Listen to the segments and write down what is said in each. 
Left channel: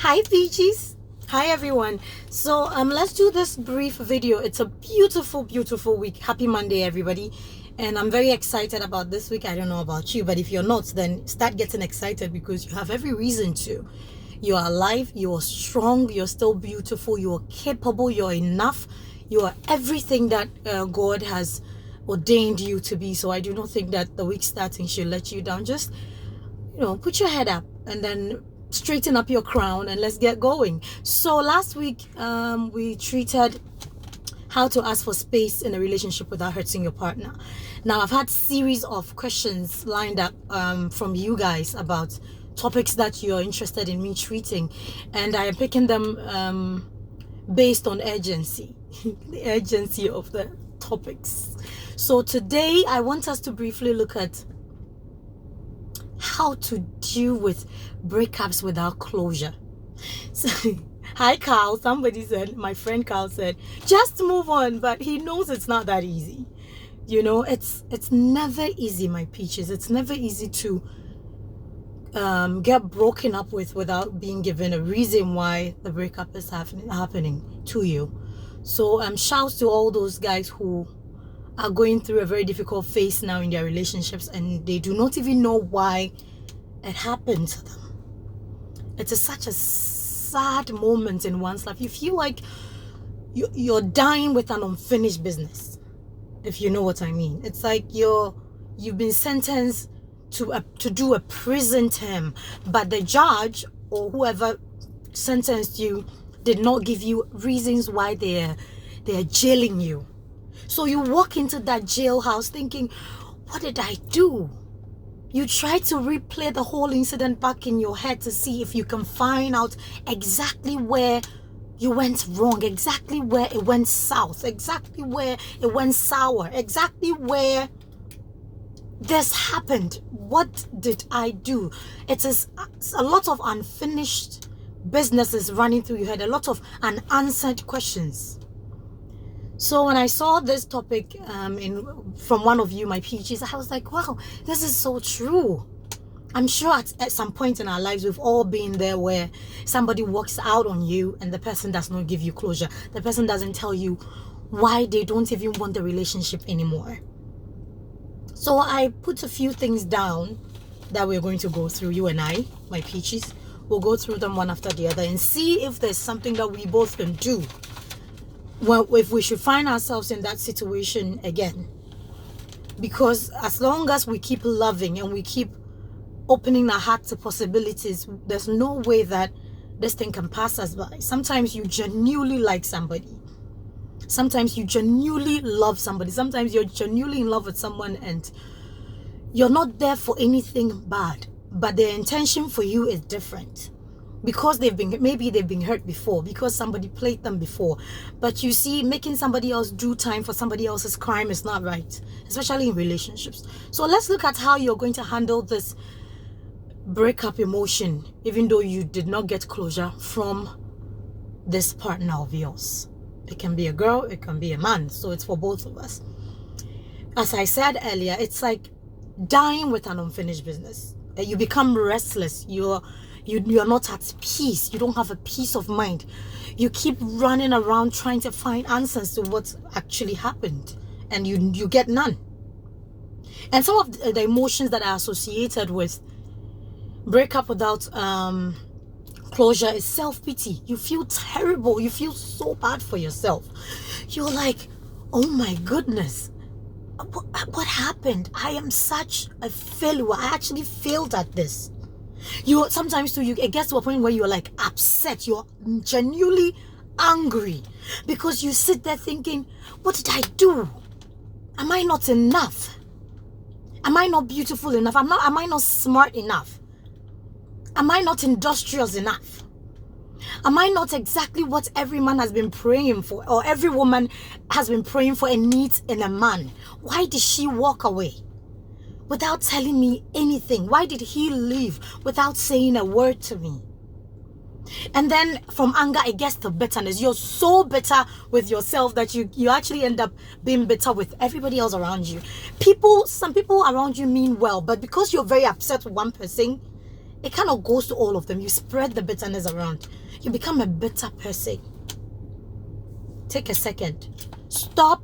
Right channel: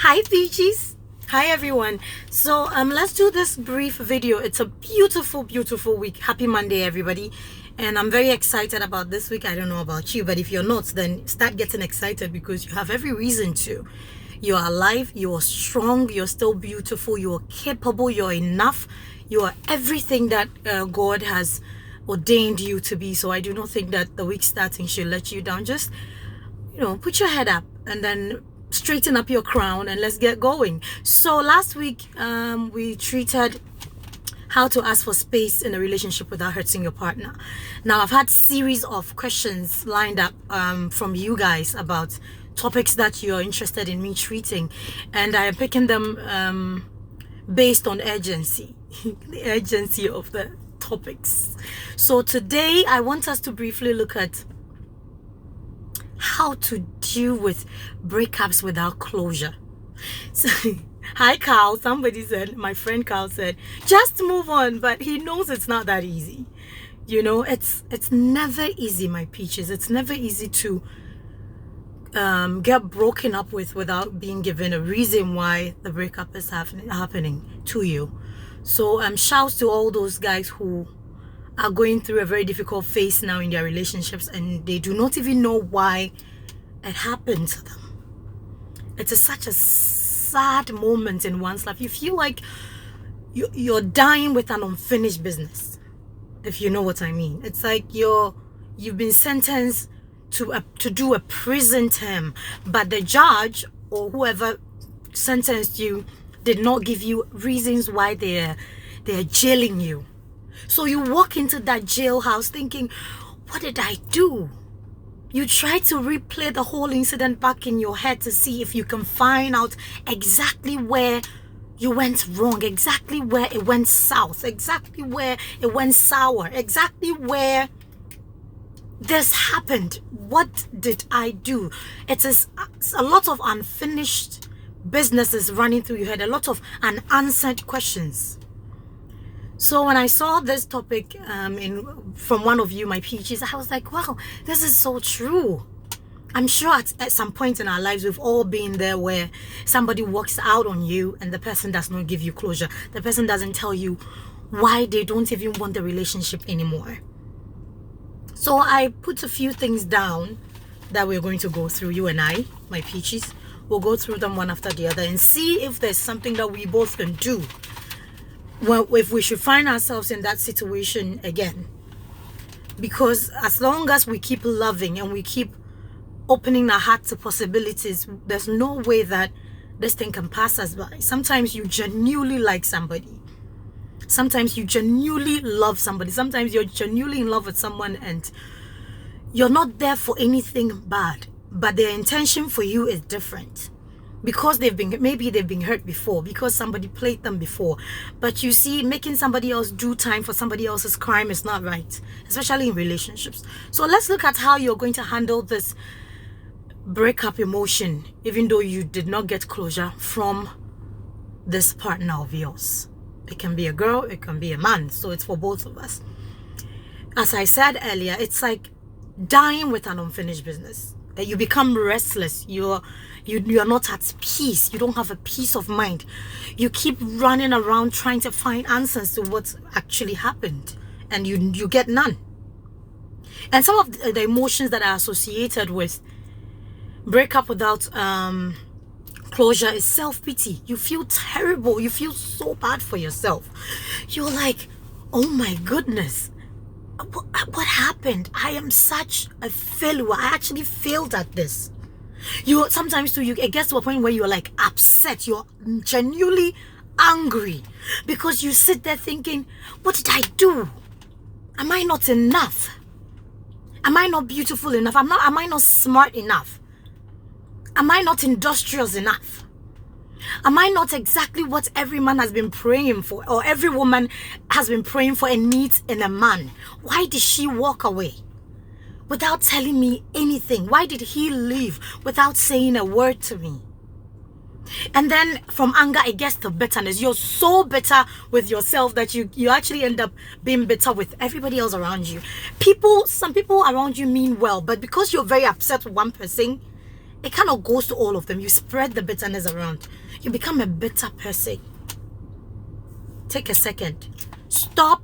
Hi Peaches. Hi everyone. So let's do this brief video. It's a beautiful week. Happy Monday everybody. And I'm very excited about this week. I don't know about you, but if you're not, then start getting excited because you have every reason to. You are alive, you are strong, you're still beautiful, you are capable, you're enough, you are everything that God has ordained you to be. So I do not think that the week starting should let you down. Just put your head up and then straighten up your crown and let's get going. So last week we treated how to ask for space in a relationship without hurting your partner. Now I've had series of questions lined up from you guys about topics that you're interested in me treating, and I am picking them based on urgency the urgency of the topics. So today I want us to briefly look at how to deal with breakups without closure. So, hi Carl, somebody said, my friend Carl said, just move on, but he knows it's not that easy. It's never easy, my peaches. It's never easy to get broken up with without being given a reason why the breakup is happening to you. So shouts to all those guys who are going through a very difficult phase now in their relationships and they do not even know why it happened to them. It is such a sad moment in one's life. You feel like you're dying with an unfinished business, if you know what I mean. It's like you've been sentenced to do a prison term, but the judge or whoever sentenced you did not give you reasons why they're jailing you. So you walk into that jailhouse thinking, what did I do? You try to replay the whole incident back in your head to see if you can find out exactly where you went wrong, exactly where it went south, exactly where it went sour, exactly where this happened. What did I do? It is a lot of unfinished businesses running through your head, a lot of unanswered questions. So when I saw this topic from one of you, my peaches, I was like, wow, this is so true. I'm sure at some point in our lives, we've all been there where somebody walks out on you and the person does not give you closure. The person doesn't tell you why they don't even want the relationship anymore. So I put a few things down that we're going to go through, you and I, my peaches. We'll go through them one after the other and see if there's something that we both can do. Well, if we should find ourselves in that situation again. Because as long as we keep loving and we keep opening our heart to possibilities, there's no way that this thing can pass us by. Sometimes you genuinely like somebody. Sometimes you genuinely love somebody. Sometimes you're genuinely in love with someone and you're not there for anything bad, but their intention for you is different. Because maybe they've been hurt before, because somebody played them before. But you see, making somebody else do time for somebody else's crime is not right, especially in relationships. So let's look at how you're going to handle this breakup emotion, even though you did not get closure from this partner of yours. It can be a girl, it can be a man, so it's for both of us. As I said earlier, it's like dying with an unfinished business. You become restless. You're not at peace. You don't have a peace of mind. You keep running around trying to find answers to what actually happened, and you get none. And some of the emotions that are associated with breakup without closure is self-pity. You feel terrible. You feel so bad for yourself. You're like, oh my goodness, what happened? I am such a failure. I actually failed at this. Sometimes too, it gets to a point where you're like upset. You're genuinely angry because you sit there thinking, what did I do? Am I not enough? Am I not beautiful enough? Am I not smart enough? Am I not industrious enough? Am I not exactly what every man has been praying for, or every woman has been praying for and needs in a man? Why did she walk away without telling me anything? Why did he leave without saying a word to me? And then from anger, it gets to bitterness. You're so bitter with yourself that you actually end up being bitter with everybody else around you. Some people around you mean well, but because you're very upset with one person, It kind of goes to all of them. You spread the bitterness around. You become a bitter person. Take a second. Stop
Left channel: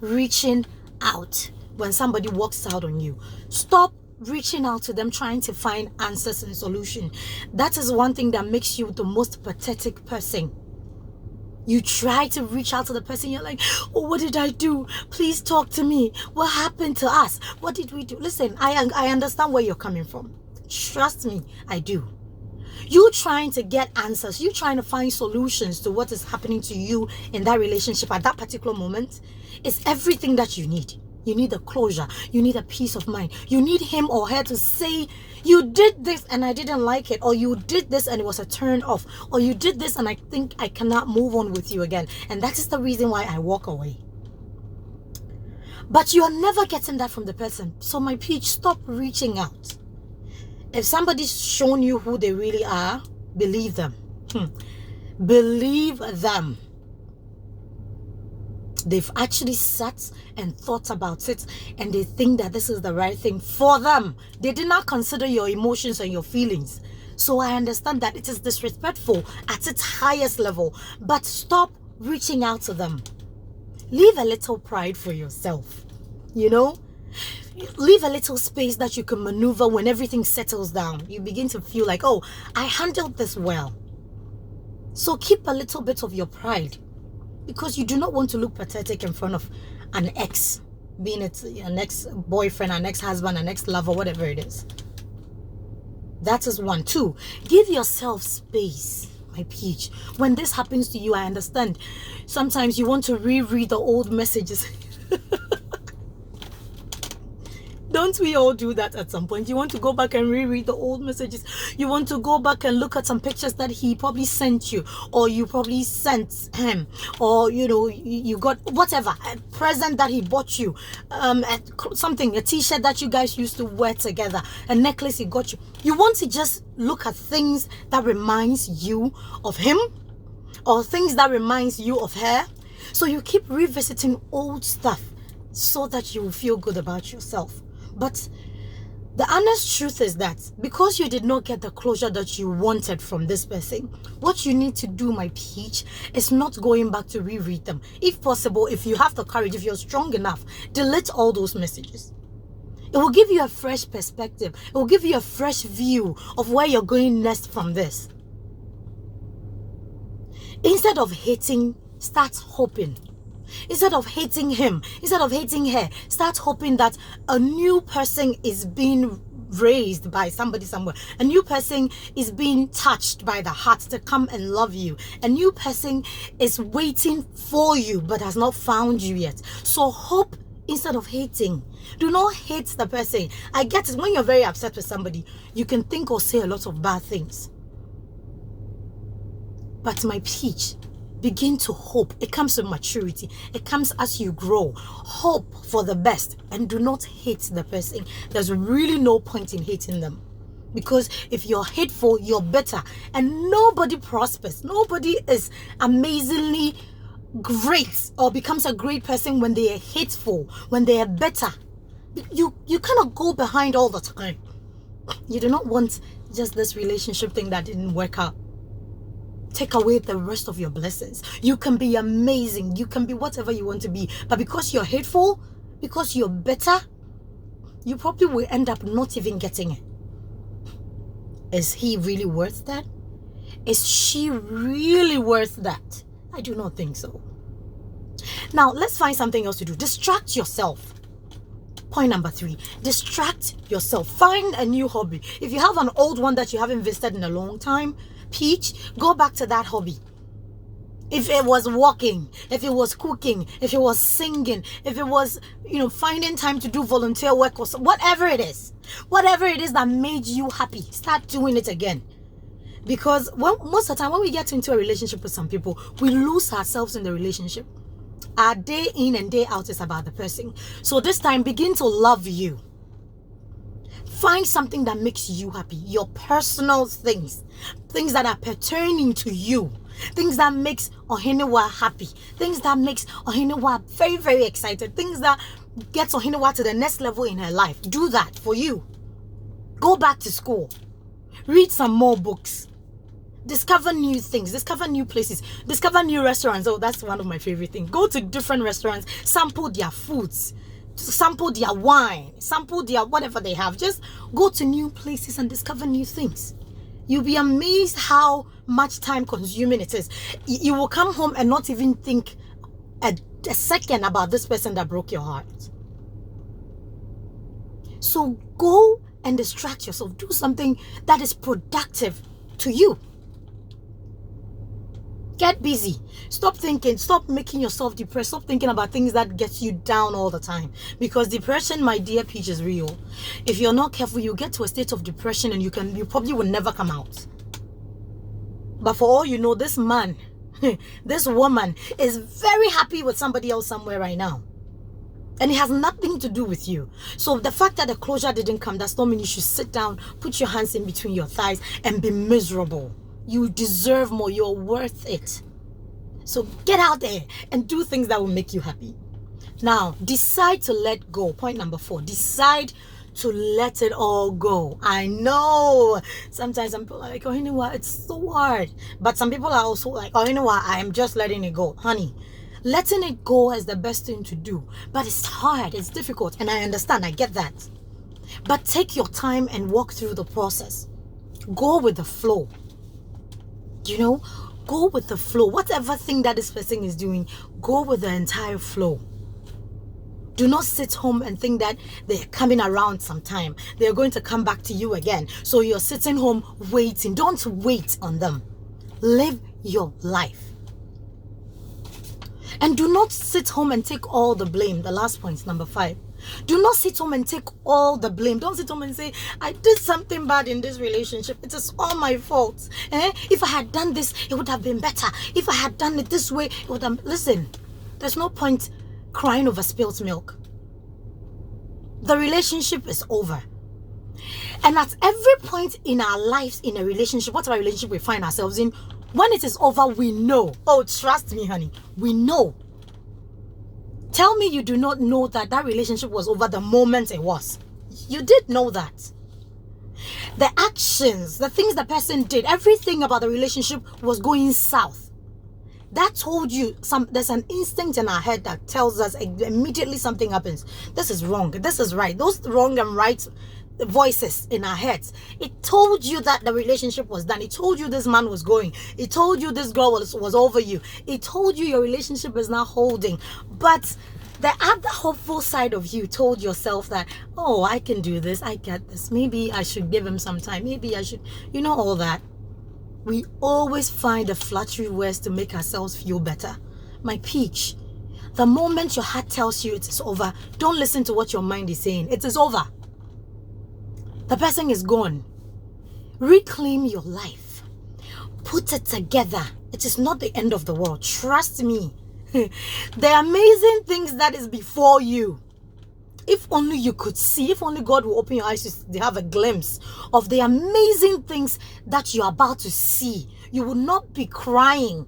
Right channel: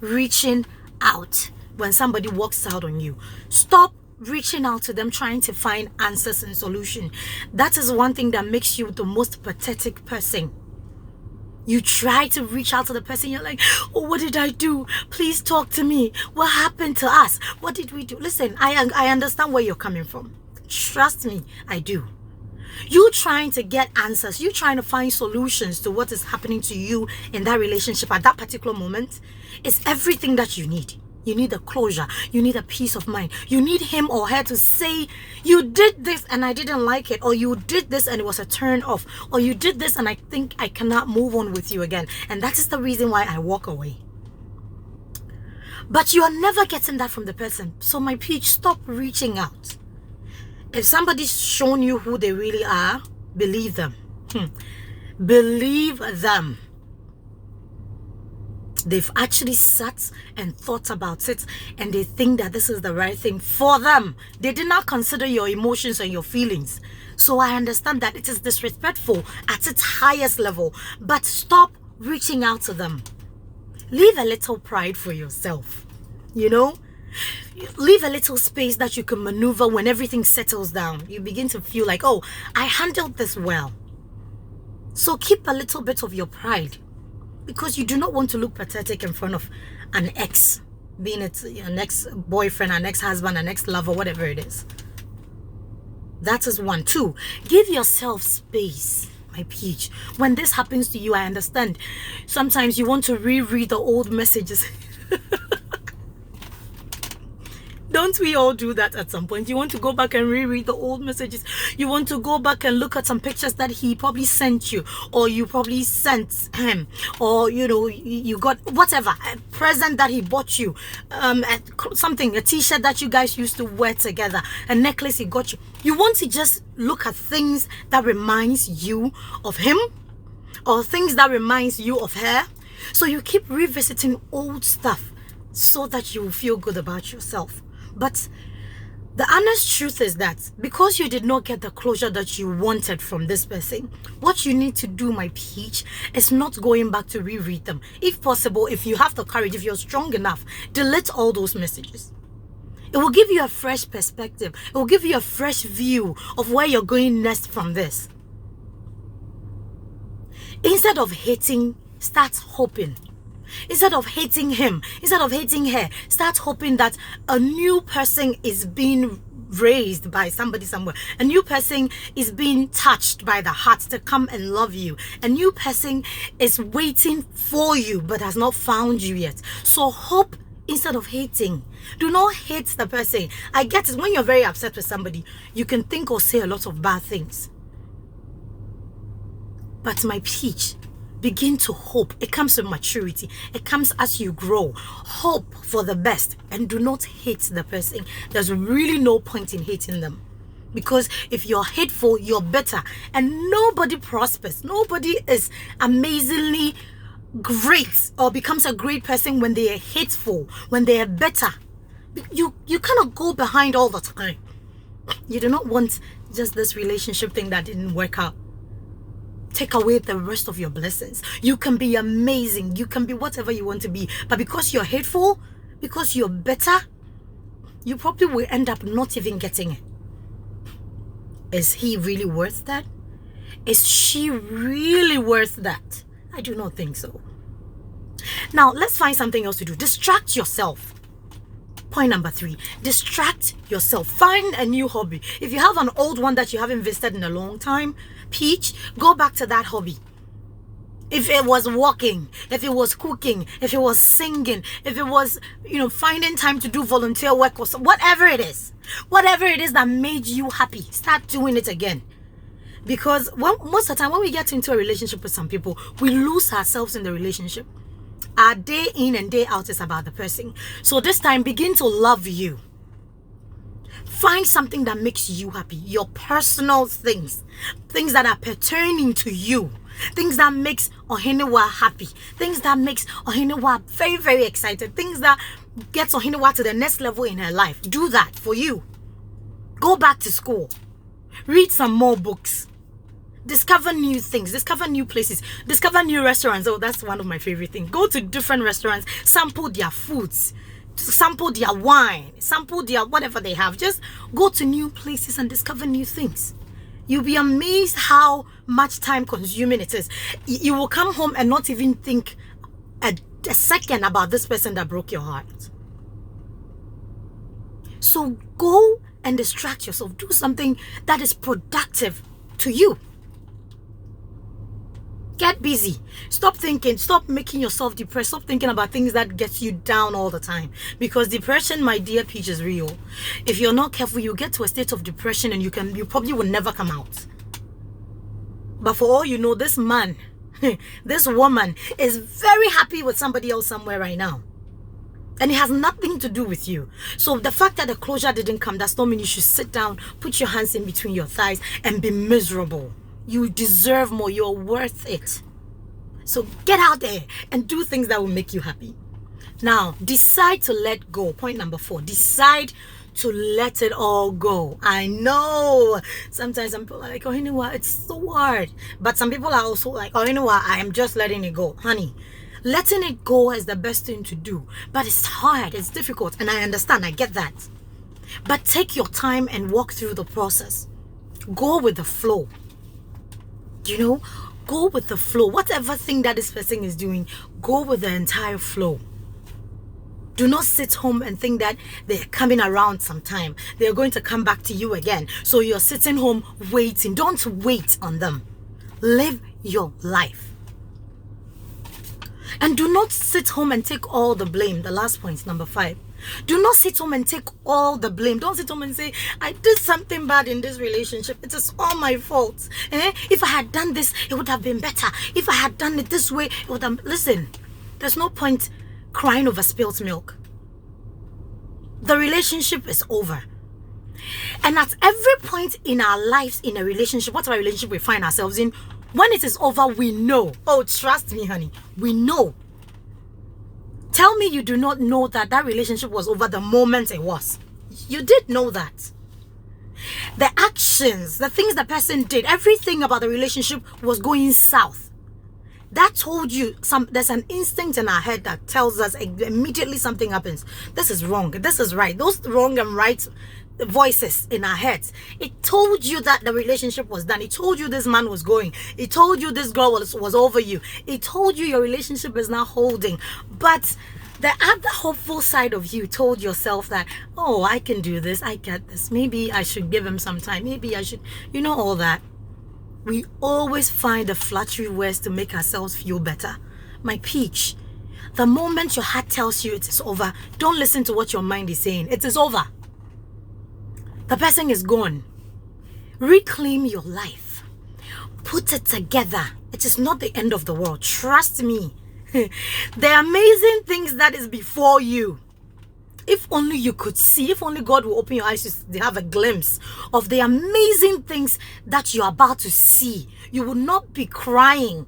reaching out when somebody walks out on you. Stop reaching out to them trying to find answers and solution. That is one thing that makes you the most pathetic person. You try to reach out to the person, you're like, oh, what did I do? Please talk to me. What happened to us? What did we do? Listen, I understand where you're coming from. Trust me, I do. You trying to get answers, you trying to find solutions to what is happening to you in that relationship at that particular moment is everything that you need. You need a closure. You need a peace of mind. You need him or her to say, you did this and I didn't like it, or you did this and it was a turn off, or you did this and I think I cannot move on with you again. And that is the reason why I walk away. But you're never getting that from the person. So my peach, stop reaching out. If somebody's shown you who they really are, believe them. Believe them. They've actually sat and thought about it, and they think that this is the right thing for them. They did not consider your emotions and your feelings. So I understand that it is disrespectful at its highest level, but stop reaching out to them. Leave a little pride for yourself. You know? Leave a little space that you can maneuver when everything settles down. You begin to feel like, oh, I handled this well. So keep a little bit of your pride, because you do not want to look pathetic in front of an ex, being it an ex-boyfriend, an ex-husband, an ex-lover, whatever it is. That is one. Two, give yourself space, my peach. When this happens to you, I understand. Sometimes you want to reread the old messages. Don't we all do that at some point? You want to go back and reread the old messages. You want to go back and look at some pictures that he probably sent you, or you probably sent him, or you know, you got whatever, a present that he bought you, a t-shirt that you guys used to wear together, a necklace he got you. You want to just look at things that reminds you of him, or things that reminds you of her. So you keep revisiting old stuff so that you will feel good about yourself. But the honest truth is that because you did not get the closure that you wanted from this person, what you need to do, my peach, is not going back to reread them. If possible, if you have the courage, if you're strong enough, delete all those messages. It will give you a fresh perspective. It will give you a fresh view of where you're going next from this. Instead of hating, start hoping. Instead of hating him, instead of hating her, start hoping that a new person is being raised by somebody somewhere. A new person is being touched by the heart to come and love you. A new person is waiting for you but has not found you yet. So hope instead of hating. Do not hate the person. I get it. When you're very upset with somebody, you can think or say a lot of bad things. But my peach, begin to hope. It comes with maturity. It comes as you grow. Hope for the best and do not hate the person. There's really no point in hating them, because if you're hateful, you're bitter, and nobody prospers. Nobody is amazingly great or becomes a great person when they are hateful, when they are bitter. You cannot go behind all the time. You do not want just this relationship thing that didn't work out. Take away the rest of your blessings. You can be amazing. You can be whatever you want to be. But because you're hateful, because you're bitter, you probably will end up not even getting it. Is he really worth that? Is she really worth that? I do not think so. Now, let's find something else to do. Distract yourself. Point number 3, distract yourself. Find a new hobby. If you have an old one that you haven't visited in a long time, peach, go back to that hobby. If it was walking, if it was cooking, if it was singing, if it was, finding time to do volunteer work or whatever it is that made you happy, start doing it again. Because most of the time when we get into a relationship with some people, we lose ourselves in the relationship. Our day in and day out is about the person. So this time, begin to love you. Find something that makes you happy. Your personal things that are pertaining to you. Things that makes Ohiniwa happy. Things that makes Ohiniwa very, very excited. Things that gets Ohiniwa to the next level in her life. Do that for you. Go back to school. Read some more books. Discover new things, discover new places, discover new restaurants. Oh, that's one of my favorite things. Go to different restaurants, sample their foods, sample their wine, sample their whatever they have. Just go to new places and discover new things. You'll be amazed how much time consuming it is. You will come home and not even think a second about this person that broke your heart. So go and distract yourself. Do something that is productive to you. Get busy. Stop thinking. Stop making yourself depressed. Stop thinking about things that gets you down all the time. Because depression, my dear Peach, is real. If you're not careful, you get to a state of depression and you probably will never come out. But for all you know, this man, this woman is very happy with somebody else somewhere right now. And it has nothing to do with you. So the fact that the closure didn't come, does not mean you should sit down, put your hands in between your thighs and be miserable. You deserve more. You're worth it. So get out there and do things that will make you happy. Now, decide to let go. Point number 4. Decide to let it all go. I know sometimes some people are like, oh, you know what? It's so hard. But some people are also like, oh, you know what? I am just letting it go. Honey, letting it go is the best thing to do. But it's hard. It's difficult. And I understand. I get that. But take your time and walk through the process. Go with the flow. You know, go with the flow. Whatever thing that this person is doing, go with the entire flow. Do not sit home and think that they're coming around sometime. They're going to come back to you again. So you're sitting home waiting. Don't wait on them. Live your life. And do not sit home and take all the blame. The last point, number 5. Do not sit home and take all the blame. Don't sit home and say, I did something bad in this relationship. It is all my fault. If I had done this, it would have been better. If I had done it this way, it would have... Listen, there's no point crying over spilt milk. The relationship is over. And at every point in our lives, in a relationship, whatever relationship we find ourselves in, when it is over, we know. Oh, trust me, honey. We know. Tell me you do not know that that relationship was over the moment it was. You did know that. The actions, the things the person did, everything about the relationship was going south. That told you, there's an instinct in our head that tells us immediately something happens. This is wrong. This is right. Those wrong and right voices in our heads. It told you that the relationship was done. It told you this man was going. It told you this girl was over you. It told you your relationship is not holding. But the other hopeful side of you told yourself that, oh, I can do this. I get this. Maybe I should give him some time. Maybe I should, you know, all that. We always find the flattery words to make ourselves feel better. My Peach, the moment your heart tells you it is over, don't listen to what your mind is saying. It is over. The person is gone. Reclaim your life. Put it together. It is not the end of the world. Trust me. The amazing things that is before you. If only you could see, if only God will open your eyes to have a glimpse of the amazing things that you're about to see. You will not be crying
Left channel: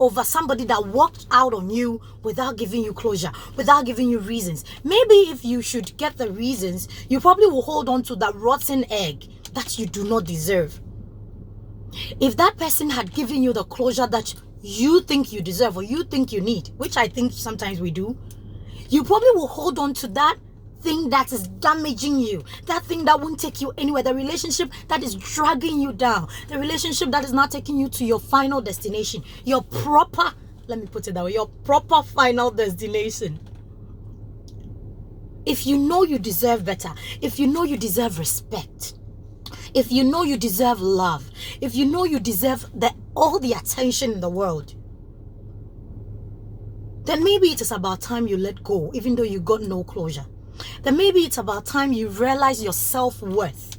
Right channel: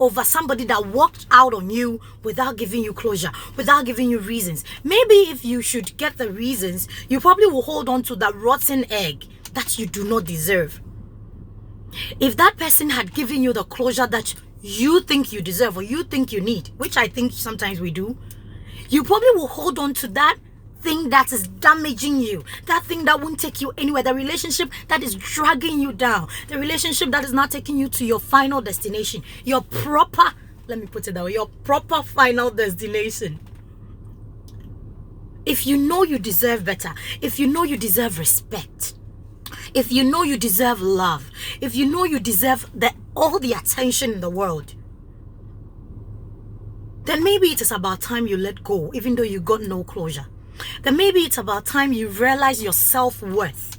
over somebody that walked out on you without giving you closure, without giving you reasons. Maybe if you should get the reasons, you probably will hold on to that rotten egg that you do not deserve. If that person had given you the closure that you think you deserve or you think you need, which I think sometimes we do, you probably will hold on to that thing that is damaging you, that thing that won't take you anywhere, the relationship that is dragging you down, the relationship that is not taking you to your final destination, your proper, let me put it that way, your proper final destination. If you know you deserve better, if you know you deserve respect, if you know you deserve love, if you know you deserve all the attention in the world, then maybe it is about time you let go, even though you got no closure. Then maybe it's about time you realize your self-worth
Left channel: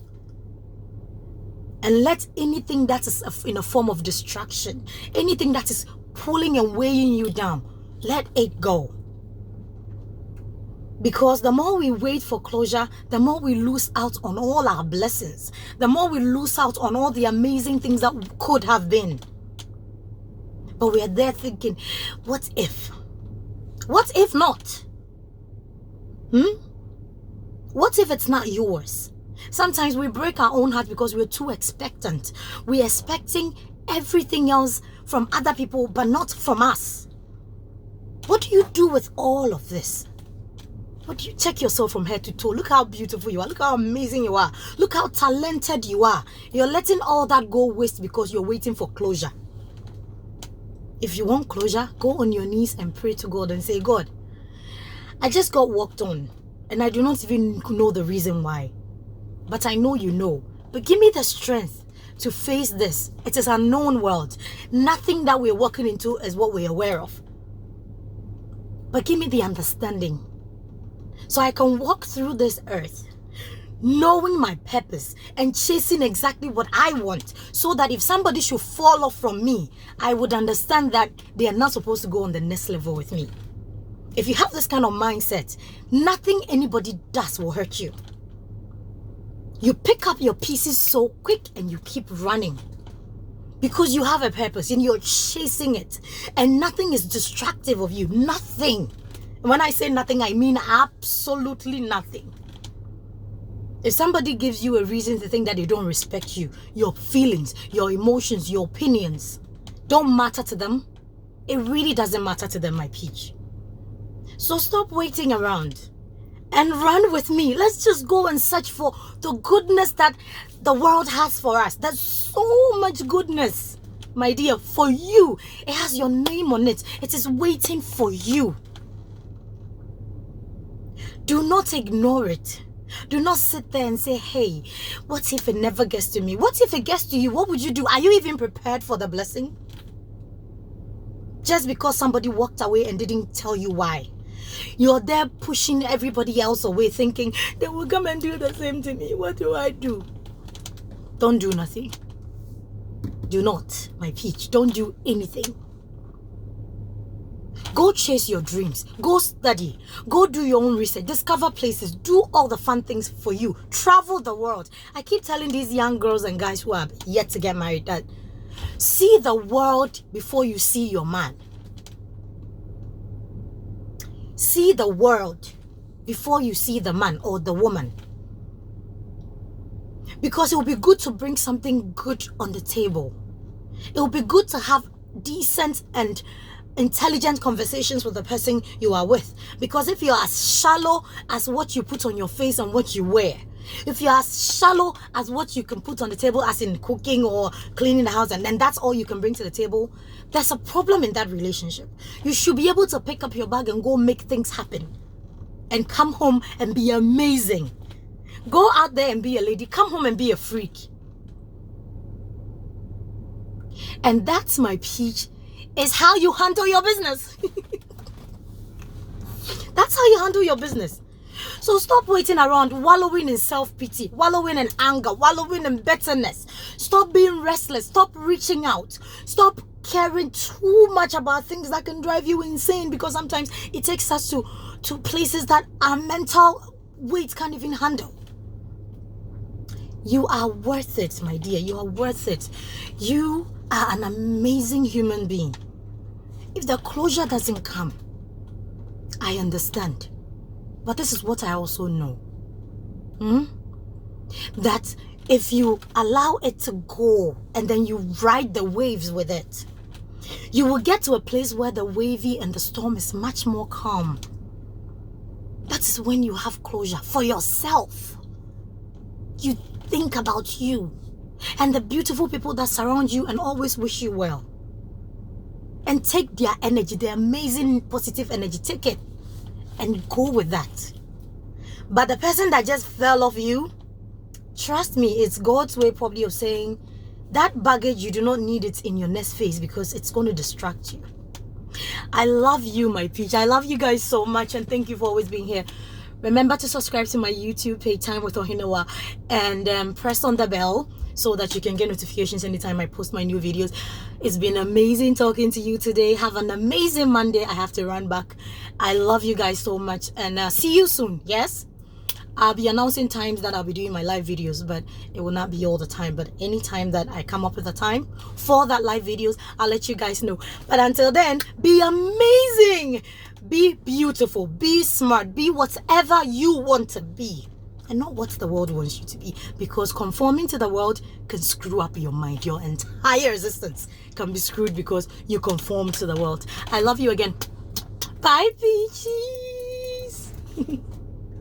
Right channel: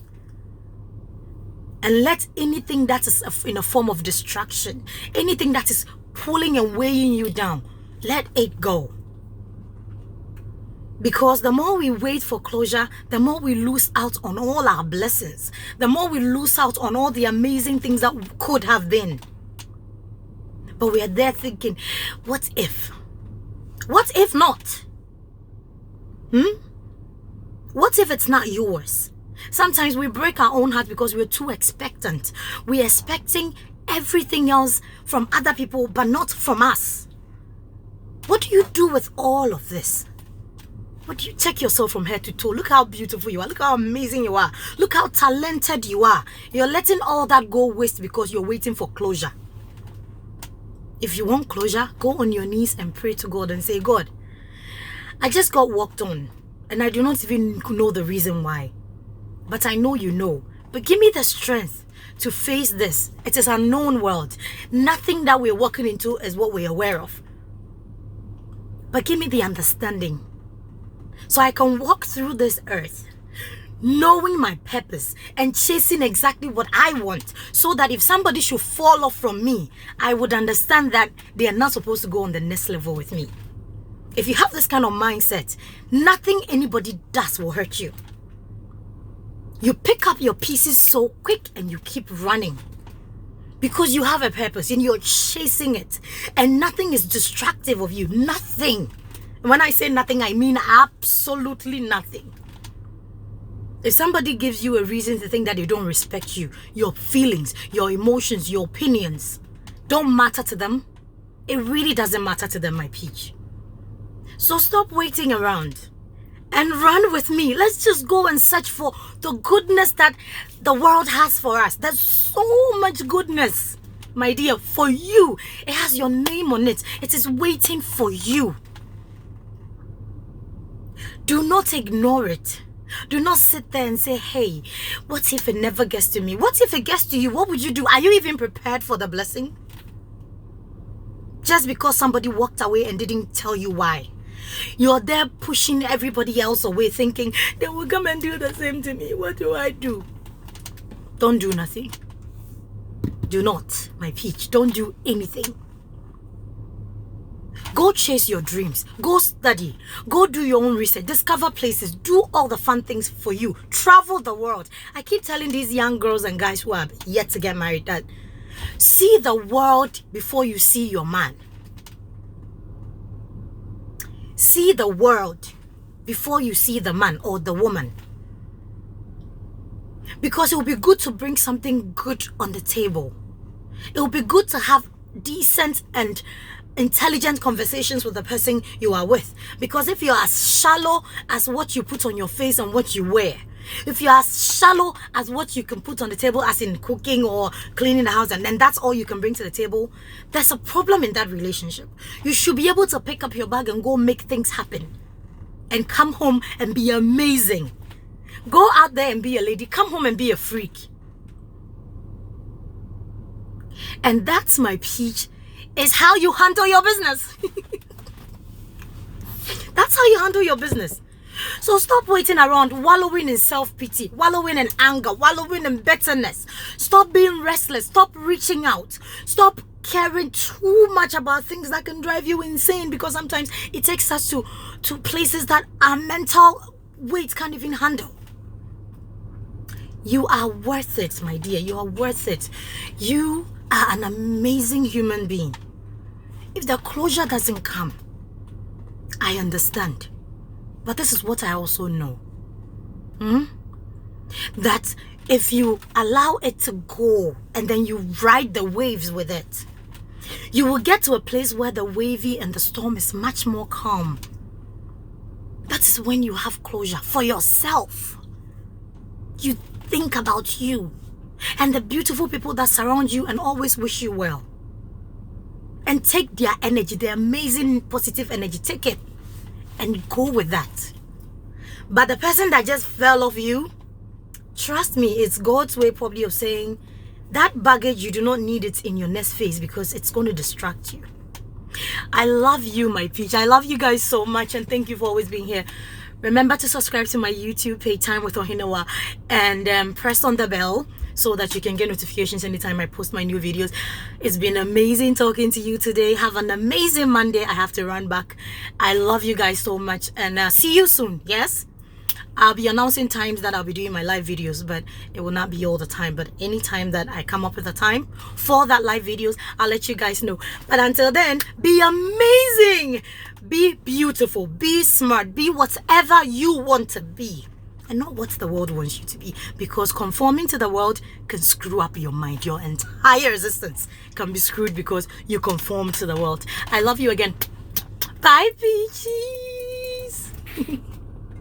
and let anything that is in a form of distraction, anything that is pulling and weighing you down, let it go. Because the more we wait for closure, the more we lose out on all our blessings, the more we lose out on all the amazing things that could have been. But we are there thinking, what if? What if not? What if it's not yours? Sometimes we break our own heart because we're too expectant. We're expecting everything else from other people, but not from us. What do you do with all of this? What do you check yourself from head to toe? Look how beautiful you are. Look how amazing you are. Look how talented you are. You're letting all that go waste because you're waiting for closure. If you want closure, go on your knees and pray to God and say, God, I just got walked on and I do not even know the reason why. But I know you know. But give me the strength to face this. It is a known world. Nothing that we're walking into is what we're aware of. But give me the understanding so I can walk through this earth knowing my purpose and chasing exactly what I want, so that if somebody should fall off from me, I would understand that they are not supposed to go on the next level with me. If you have this kind of mindset, nothing anybody does will hurt you. You pick up your pieces so quick and you keep running because you have a purpose and you're chasing it, and nothing is distractive of you. Nothing. When I say nothing, I mean absolutely nothing. If somebody gives you a reason to think that they don't respect you, your feelings, your emotions, your opinions don't matter to them, it really doesn't matter to them, my peach. So stop waiting around and run with me. Let's just go and search for the goodness that the world has for us. There's so much goodness, my dear, for you. It has your name on it. It is waiting for you. Do not ignore it. Do not sit there and say, hey, what if it never gets to me? What if it gets to you? What would you do? Are you even prepared for the blessing? Just because somebody walked away and didn't tell you why. You're there pushing everybody else away, thinking, they will come and do the same to me. What do I do? Don't do nothing. Do not, my peach. Don't do anything. Go chase your dreams. Go study. Go do your own research. Discover places. Do all the fun things for you. Travel the world. I keep telling these young girls and guys who are yet to get married that see the world before you see your man. See the world before you see the man or the woman. Because it will be good to bring something good on the table. It will be good to have decent and intelligent conversations with the person you are with. Because if you're as shallow as what you put on your face and what you wear, if you're as shallow as what you can put on the table, as in cooking or cleaning the house, and then that's all you can bring to the table, there's a problem in that relationship. You should be able to pick up your bag and go make things happen and come home and be amazing. Go out there and be a lady. Come home and be a freak. And that's, my peach, is how you handle your business. That's how you handle your business. So stop waiting around, wallowing in self-pity, wallowing in anger, wallowing in bitterness. Stop being restless. Stop reaching out. Stop caring too much about things that can drive you insane, because sometimes it takes us to places that our mental weight can't even handle. You are worth it, my dear. You are worth it. You are an amazing human being. If the closure doesn't come, I understand. But this is what I also know. That if you allow it to go and then you ride the waves with it, you will get to a place where the wavy and the storm is much more calm. That is when you have closure for yourself. You think about you and the beautiful people that surround you and always wish you well. And take their energy, their amazing positive energy, take it and go with that. But the person that just fell off you, trust me, it's God's way probably of saying that baggage, you do not need it in your next phase because it's going to distract you. I love you, my peach. I love you guys so much, and thank you for always being here. Remember to subscribe to my YouTube page, Time with Ohinawa, and press on the bell so that you can get notifications anytime I post my new videos. It's been amazing talking to you today. Have an amazing Monday. I have to run back. I love you guys so much, and see you soon. Yes, I'll be announcing times that I'll be doing my live videos, but it will not be all the time. But anytime that I come up with a time for that live videos, I'll let you guys know. But until then, be amazing, be beautiful, be smart, be whatever you want to be. and not what the world wants you to be, because conforming to the world can screw up your mind. Your entire existence can be screwed because you conform to the world. I love you again. Bye, peaches.